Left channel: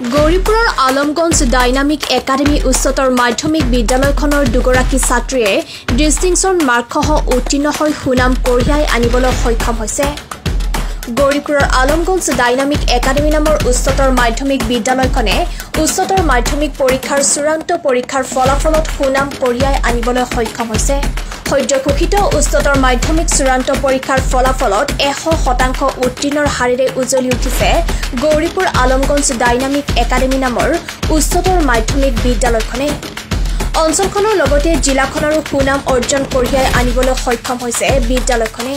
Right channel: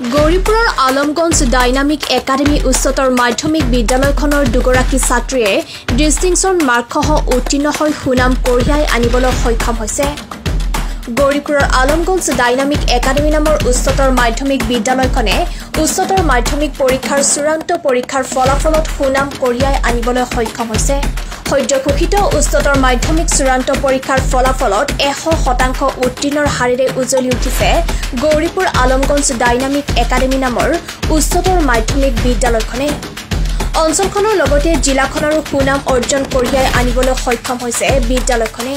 গৌৰীপুৰৰ Alamganj dynamic academy উচ্চতৰ মাধ্যমিক বিদ্যালয়খনৰ দুগৰাকী ছাত্ৰীয়ে ডিষ্টিংশ্যন মাৰ্কসহ উত্তীৰ্ণ হৈ সুনাম কঢ়িয়াই আনিবলৈ সক্ষম হৈছে। গৌৰীপুৰৰ আলমগঞ্জ ডাইনামিক একাডেমী নামৰ উচ্চতৰ মাধ্যমিক বিদ্যালয়খনে উচ্চতৰ মাধ্যমিক পৰীক্ষাৰ চূড়ান্ত পৰীক্ষাৰ ফলাফলত সুনাম কঢ়িয়াই আনিবলৈ সক্ষম হৈছে। সদ্য ঘোষিত উচ্চতৰ মাধ্যমিক চূড়ান্ত পৰীক্ষাৰ ফলাফলত 100% উত্তীৰ্ণৰ হাৰেৰে উজ্বলি উঠিছে গৌৰীপুৰ আলমগঞ্জ ডাইনামিক একাডেমী নামৰ উচ্চতৰ মাধ্যমিক বিদ্যালয়খনে। অঞ্চলখনৰ লগতে জিলাখনৰো সুনাম অৰ্জন কঢ়িয়াই আনিবলৈ সক্ষম হৈছে বিদ্যালয়খনে।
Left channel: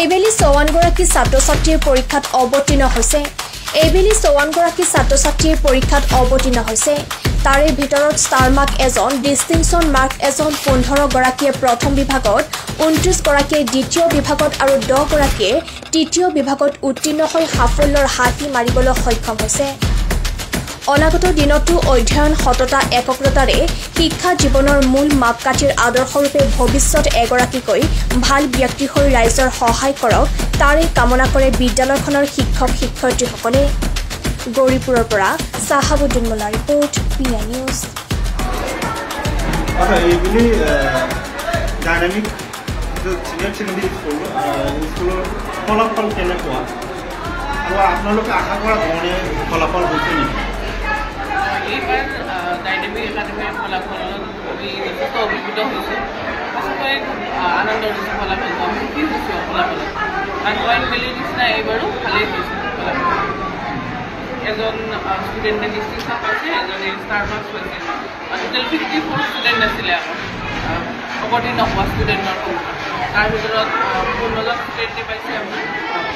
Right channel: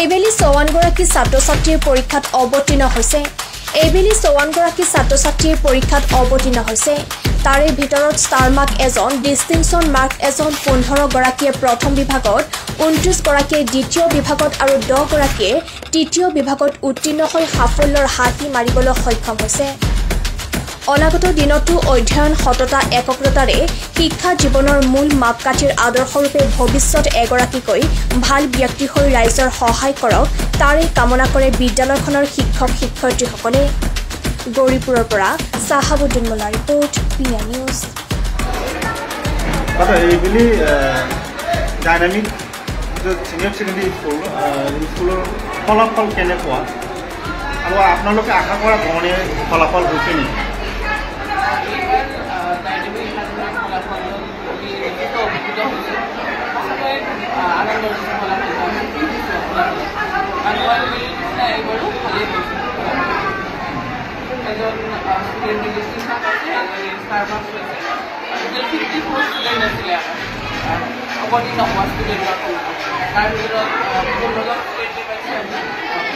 এইবেলি 54 গৰাকী ছাত্ৰ-ছাত্ৰীৰ পৰীক্ষাত অৱতীৰ্ণ হৈছে। এইবেলি 54 গৰাকী ছাত্ৰ-ছাত্ৰীৰ পৰীক্ষাত অৱতীৰ্ণ হৈছে। তাৰে ভিতৰত ষ্টাৰ মাৰ্ক এজন, ডিষ্টিংশ্যন মাৰ্ক এজন, 15 গৰাকীয়ে প্ৰথম বিভাগত, 29 গৰাকীয়ে দ্বিতীয় বিভাগত আৰু 10 গৰাকীয়ে তৃতীয় বিভাগত উত্তীৰ্ণ হৈ সাফল্যৰ হাতী মাৰিবলৈ সক্ষম হৈছে। অনাগত দিনতো অধ্যয়ন সততা একগ্ৰতাৰে শিক্ষা জীৱনৰ মূল মাপকাঠিৰ আদৰ্শৰূপে ভৱিষ্যত এগৰাকীকৈ ভাল ব্যক্তি হৈ ৰাইজৰ সহায় কৰক, তাৰে কামনা কৰে বিদ্যালয়খনৰ শিক্ষক শিক্ষয়িত্ৰীসকলে। গৌৰীপুৰৰ পৰা চাহাবুদ্দিন মোল্লা ৰিপৰ্ট, পিয়া নিউজ। এইবুলি ডাইনামিক চিনিয়ৰ ছেকেণ্ডেৰী স্কুলৰ ফলাফল কেনেকুৱা আৰু আপোনালোকে আশা কৰা ধৰণে ফলাফল হৈছে নেকি? এইবাৰ ডাইনামিক একাডেমীৰ ফলাফলত আমি যথেষ্ট অভিভূত হৈছোঁ। সঁচাকৈ আনন্দ হৈছে ফলাফলটো, সুখী হৈছোঁ ফলাফলত। মানুহে মেলি নিচিনা এইবাৰো ভালেই হৈছে ফলাফল। এজন ষ্টুডেণ্টে ডিষ্টিংশ্যন পাইছে, এজনে ষ্টাৰ মাৰ্কছ পাইছে। টোটেল 54 ষ্টুডেণ্ট আছিলে আমাৰ অৱতীৰ্ণ হোৱা ষ্টুডেণ্টৰ সংখ্যা। তাৰ ভিতৰত 15জন ষ্টুডেণ্টে পাইছে আপোনাৰ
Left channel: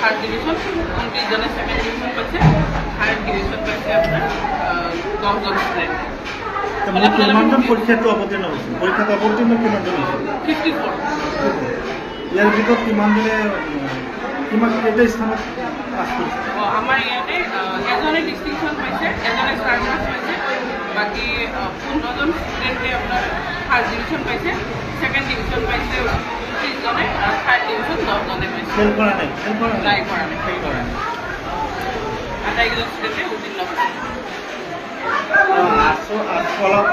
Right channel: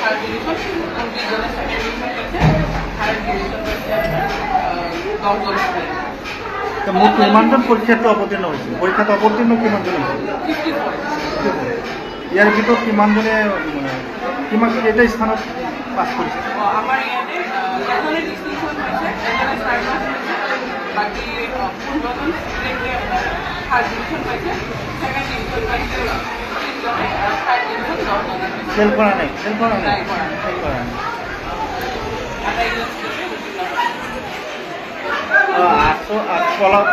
ফাৰ্ষ্ট ডিভিজন, 29জনে ছেকেণ্ড ডিভিজন পাইছে, থাৰ্ড ডিভিজন পাইছে আপোনাৰ 10জন ষ্টুডেণ্ট। কিমানজন পৰীক্ষাটো অৱতীৰ্ণ হৈছে? পৰীক্ষাত অৱতীৰ্ণ কিমানজন হৈছে? 54। ইয়াৰ ভিতৰত কিমানজনে কেইটা স্থানত পাছ কৰিছে? আমাৰ ইয়াতে এজনে ডিষ্টিংশ্যন পাইছে, এজনে ষ্টাৰ মাৰ্কছ পাইছে, বাকী 15জন ষ্টুডেণ্টে আপোনাৰ ফাৰ্ষ্ট ডিভিজন পাইছে, ছেকেণ্ড ডিভিজন পাইছে 30জনে আৰু থাৰ্ড ডিভিজন 10জনে পাইছে। ফেল কৰা নাই? নাই কৰা নাই। আটাইকেইজন ষ্টুডেণ্টে উত্তীৰ্ণ হৈছে।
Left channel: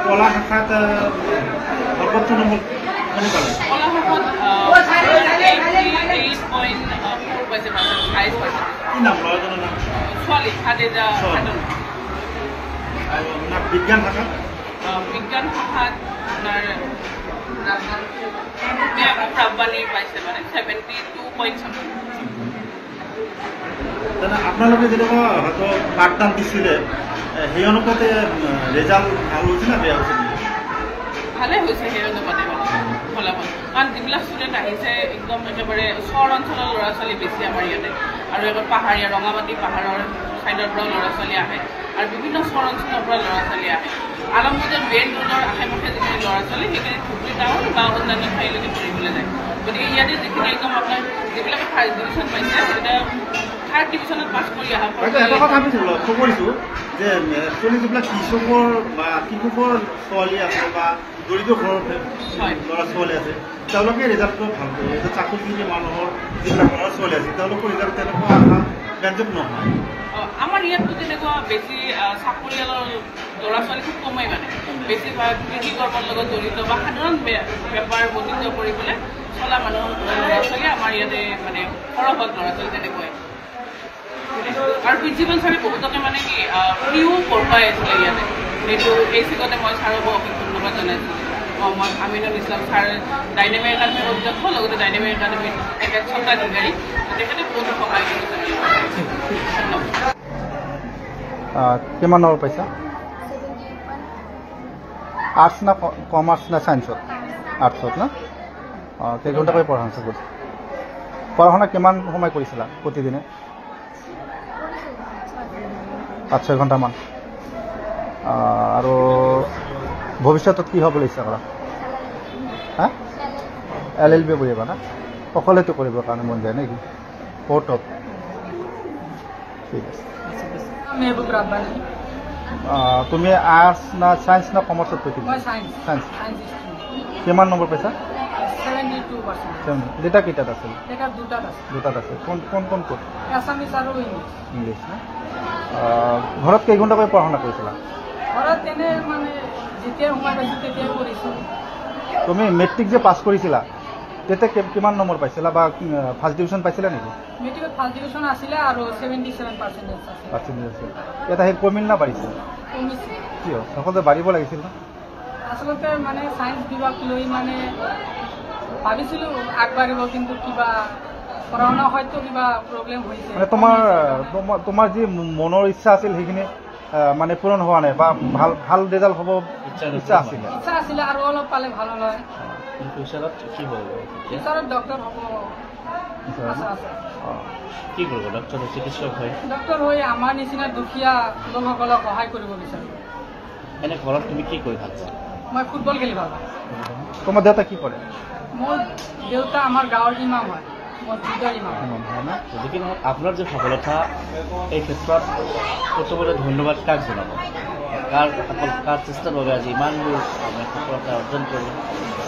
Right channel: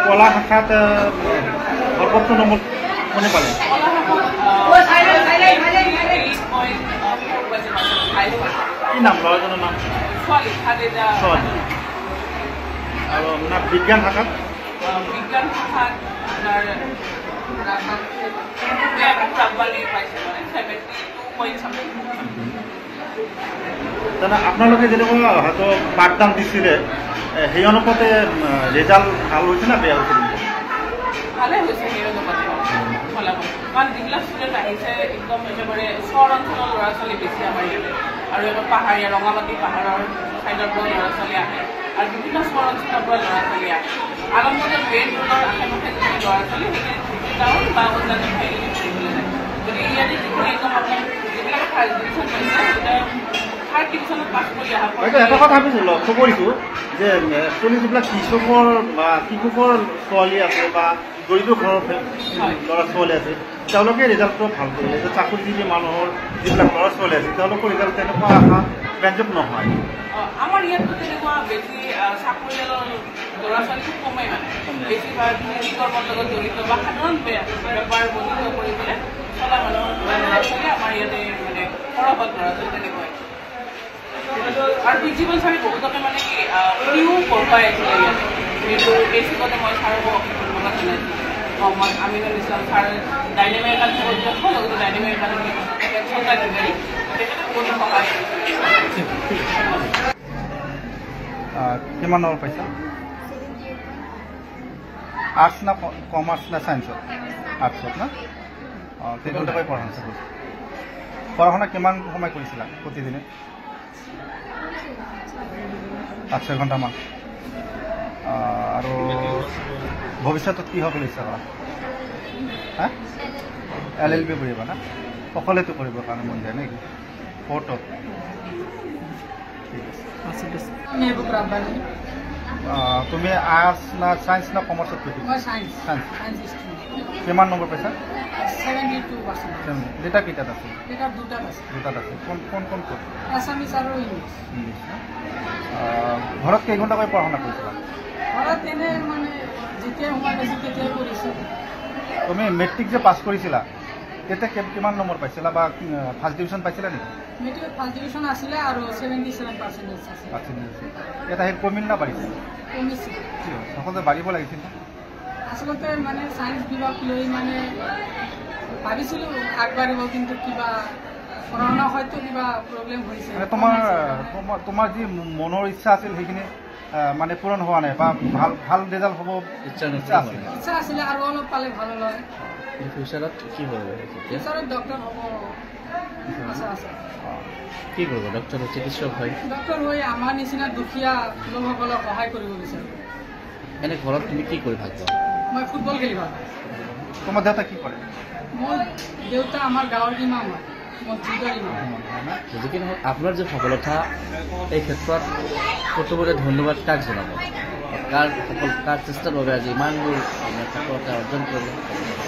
কলা শাখাত সৰ্বোচ্চ নম্বৰ কোনে পালে? কলা শাখাত 8.4 পাইছে, 5 পাইছে। কি নাম ল'ৰাজনৰ নাম? ছোৱালী খাদিজা। আৰু আপোনাৰ বিজ্ঞান শাখাত? বিজ্ঞান শাখাত আপোনাৰ ৰাব্বানী পাইছে, মানে 72.something। তেনে আপোনালোকে যেনেকুৱা হয়তো পাঠদান দিছিলে, সেই অনুপাতে ৰেজাল্ট ভাল হৈছে না বেয়া হৈছে? ভালে হৈছে সেই অনুপাতে ফলাফল। কাৰণ যিবিলাক ষ্টুডেণ্ট আহিছে একদম একেবাৰে চহৰ অঞ্চলৰ ল'ৰা ছোৱালী বেছি আমাৰ ইয়াতে, আৰু এবাৰ পাহাৰীয়া ৰঙামাটি পাহাৰৰ ছাইডৰ পৰা ল'ৰা ছোৱালী আহে, আৰু বিভিন্ন চহৰ অঞ্চলৰ পৰা ল'ৰা ছোৱালী আহে। আলমগঞ্জৰ মেইন ৰোডৰ আশে পাশে যিখিনি ল'ৰা ছোৱালী সেইখিনি ধুবুৰী টাউন বা অন্যান্য ঠাইলৈকে পঢ়িবলৈ যায়। গতিকে ইয়াতে যিখিনি একদম আপোনাৰ যিবিলাকে ফাৰ্ষ্ট ডিভিজন পাইছে, সেইকেইটা থাৰ্ড ডিভিজনত পাছ কৰি অহা। এটা কথা আমি লক্ষ্য কৰিছোঁ যে একচুৱেলি যিবিলাক কৃষকৰ বা কৃষকৰ ছোৱালী আছে বা দৰিদ্ৰ ঘৰৰ ল'ৰা ছোৱালী আছে, তেওঁলোকে ৰিজাল্টটো ভাল কৰিলে। যে চাকৰিজীৱী মানুহৰ যিবিলাক ল'ৰা ছোৱালী আছে, তেওঁলোকৰ ৰিজাল্ট তেনেকুৱা আশা ব্যঞ্জক নহয়। আমাৰ ইয়াততো তেনেকুৱা বেছি চাকৰিয়ালৰ ল'ৰা ছোৱালী খুব কমেই, মানে বেছিভাগ কৃষি কৰ্মৰ লগত জড়িত বা সাধাৰণ বেপাৰ বৰ্ধিত কৰি পেলাই চলা মানুহৰ ল'ৰা ছোৱালী আমাৰ ইয়াতে মানে সৰহভাগ ল'ৰা ছোৱালী তেনেকুৱাই। আৰু প্ৰিন্সিপাল ছাৰে বহুতকে মানে কি ফ্ৰীও পঢ়ুৱাই আছিলে ইয়াতে। সেইটো বেছিকতে মই ছাৰকো অশেষ ধন্যবাদ জনাইছোঁ। মহম্মদ আমিনুল ইছলাম ছাৰ ডাইনামিক একাডেমীৰ অধ্যক্ষ, লগতে ডাইনামিক একাডেমীৰ তেখেত স্বত্বাধিকাৰী, তেখেতে বহুত সহায় কৰিছে। কিমান নম্বৰ পাইছা? আৰ্টছ না কমাৰ্চ না ছায়েন্সত? আৰ্টছত না? কেইঘণ্টাকৈ পঢ়া হৈছে? পঢ়া শুনা কিমান সময় কৰিছিলা প্ৰতিদিনে? 5-6 ঘণ্টামান। আৰু ভৱিষ্যতত কি হ'বলৈ ইচ্ছা কৰা? হা? LLB পঢ়িবা না? সকলোৱেতো কৰিবৰ কাৰণে মন যায় নেকি? কোৰ্টত? ঠিক আছে। মেহবুব ৰাব্বানী। তুমি আৰ্টছ না ছায়েন্স না কমাৰ্চত পঢ়িবা? মই ছায়েন্স। কিমান নম্বৰ পাইছা? 72%। দুটা কিতাপ আছে? দুটাত আছে। দুটাত আছে। কোন কোন কোন? আছামিজ আৰু ইংলিছ। ইংলিছ। ঘৰত কেইঘণ্টাকৈ পঢ়া শুনা কৰিছিলা? ঘৰত এনে মানে যেতিয়া সোমাই পাইছোঁ তেতিয়াই কৰিছোঁ। তুমি মেট্ৰিক যে পাছ কৰিছিলা তেতিয়া কিমান নম্বৰ পাইছিলা বা ফাৰ্ষ্ট ডিভিজন পাইছিলা নেকি? মেট্ৰিকত ফাৰ্ষ্ট ডিভিজন আছিলে আৰু 77% আছিলে। এটা সেই কমিল না বাঢ়িছিল? কমিছে। কিয় সকলোতে বাঢ়িব লাগিছিল না? আচলতে মানে ছায়েন্স বিভাগ লৈ মানে ভাবিছিলোঁ আগবাঢ়িব, কিন্তু কিবা পঢ়া শুনা হয়তো কিবা প্ৰব্লেম হৈছে। তোমাৰ যি মনৰ ইচ্ছা আছিল সেইখিনি মানে পূৰণ হোৱা নাই বা ভাল ৰিজাল্ট হ'ব ইচ্ছা আছিলে আৰু অলপ পালে ভাল হয়। ফিউচাৰত কি হ'ব? ফিউচাৰত ডক্টৰ হ'ব আশা আছে। কি কৰিব? ডক্টৰ চিকিৎসক হয়? ডক্টৰ হৈ আমাৰ নিচিনা দুখীয়া লোকসকলক সহায় কৰিব বিচাৰোঁ। এনে ঘৰত তুমি কি কৰি ভাল পোৱা? মই ফুটবল খেলি ভাল পাওঁ। তোমাৰ দেউতা কি কৰে? মোৰ দেউতা আমাৰ গাঁৱৰ ইমাম হয়, মছজিদৰ ইমাম। যদি নহয় আপোনাৰ যে সফলতা এই ক্ষেত্ৰত প্ৰথমতে ধন্যবাদ কাক জনাব? কাৰ চেষ্টাৰ বাবে আজি ইমানবোৰ সফলতা অৰ্জন কৰিলে?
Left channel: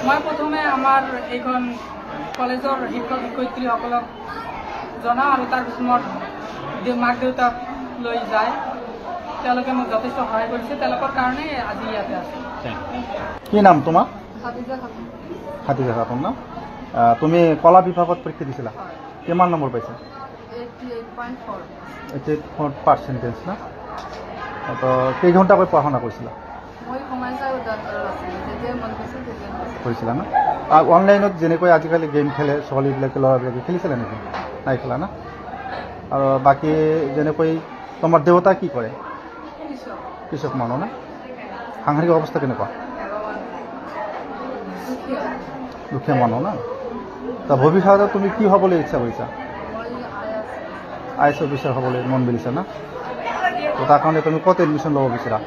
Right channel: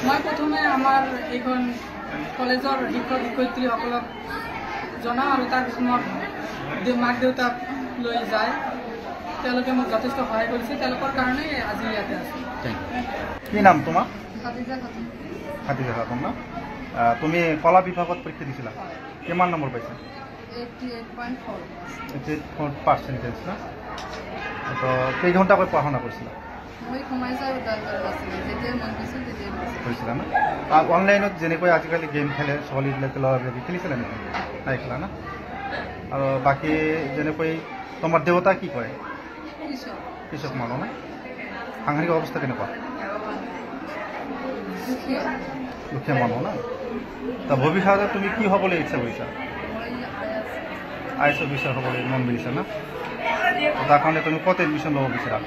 মই প্ৰথমে আমাৰ এইখন কলেজৰ শিক্ষক শিক্ষয়িত্ৰীসকলক জনাওঁ আৰু তাৰপিছত মোৰ মাক দেউতাক লৈ যায়। তেওঁলোকে মোক যথেষ্ট সহায় কৰিছে, তেওঁলোকৰ কাৰণে আজি ইয়াতে আছোঁ। কি নাম তোমাৰ? খাদিজা খাতুন। খাদিজা খাতুন না? তুমি কলা বিভাগত পৰীক্ষা দিছিলা? কিমান নম্বৰ পাইছা? 88.4% না? তো কেইঘণ্টাকৈ পঢ়া শুনা কৰিছিলা? মই সোমাই যাই যেতিয়া মন গৈছিল তেতিয়া কৰিছিলা না? অনলাইনত যেনেকৈ আজিকালি গেম খেলে ছোৱালীবিলাকে ল'ৰাবিলাকে খেলিছিলা নেকি? নাই খেলা না? আৰু বাকী যেনেকৈ তোমাৰ দেউতা কি কৰে? কৃষক মানুহ না? সাংসাৰিক অৱস্থা কেনেকুৱা? দুখীয়া মানুহ না? ভৱিষ্যতে তুমি কি হ'বলৈ ইচ্ছা কৰিছা? IAS অফিচাৰ হ'বলৈ মন দিছা না? তাৰ কাৰণে তুমি ক'ত এডমিশ্যন ল'ব বিচৰা?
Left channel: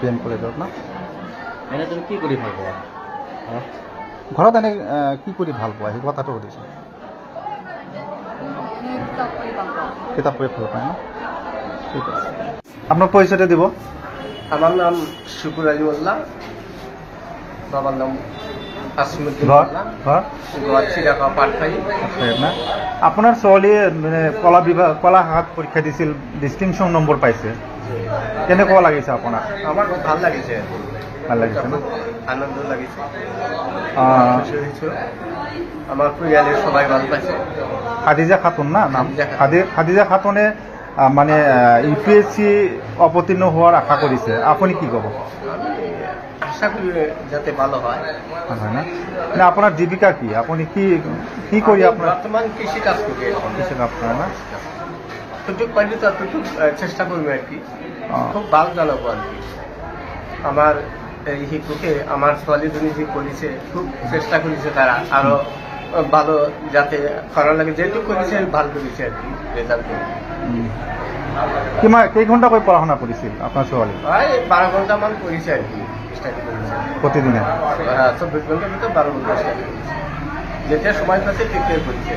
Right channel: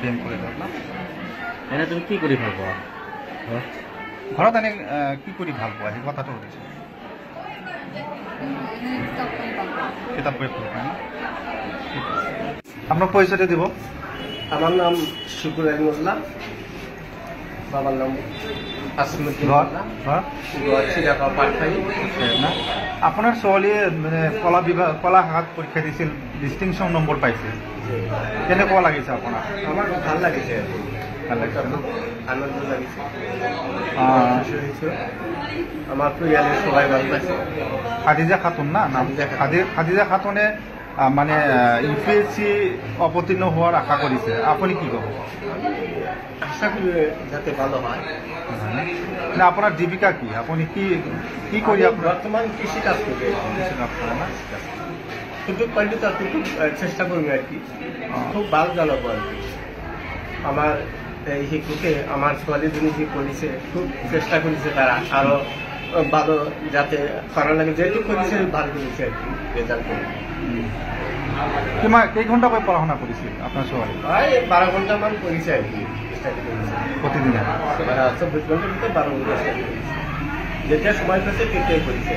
BN কলেজত না? এনে তুমি কি কৰি ভাল পোৱা ঘৰত? এনে কি কৰি ভাল পোৱা সেই কথাটো সুধিছোঁ। কিতাপ পঢ়ি ভাল পাওঁ না? ঠিক আছে, আপনার পরিচয়টা দিব। আমার নাম শুকুর আলী মোল্লা, বাবার নাম আসিমুদ্দিন মোল্লা, ঘর চিরাকা পাটখাই। আপনার ছোৱালীয়ে মানে কলা শাখাত পৰীক্ষা দিছিল, ডিষ্টিংশ্যন নম্বৰ পাইছে, কেনেকুৱা লাগিছে আপোনাৰ? আমার খুব ভাল লাগিছে, ভাল লাগিছে, খুব আনন্দ লাগিছে, খুশি হয়েছে। আমার পরিবারের সবাই ভালো পাইছে। খাদিজা খাতুন না? খাদিজা খাতুনে মানে UPSC অবতীর্ণ হওয়ার আশা করেছে, আপনি কি করবেন? আশা করি যাতে ভালো হয়। না আপনার জীবিকা কি? আপনি কি করি? বর্তমান কৃষি কাজ করি। সুযোগ পাইলে তো এতটুকু চেষ্টা করবো আর কি, খুব ভালো জানাবো আর কি। আমার এই শিক্ষকে আমার ছোৱালীজনী যে করেছে খুব চেষ্টা করেছে, তারা আরো ভালো যাতে করার লাগে, যেহেতু করেছে ভালো করেছে আর কি রেজাল্ট। কেই ঘন্টা করে পড়াশোনা করেছিল আপনার ছোৱালী? 12 ঘন্টা মান করেছে আর কি, স্টাডি করেছে প্রতিদিনে। 24 ঘন্টার ভিতরে 12 ঘন্টা স্টাডি করেছে, যেটা সময় পাচ্ছে ঠিকঠাক করেছে।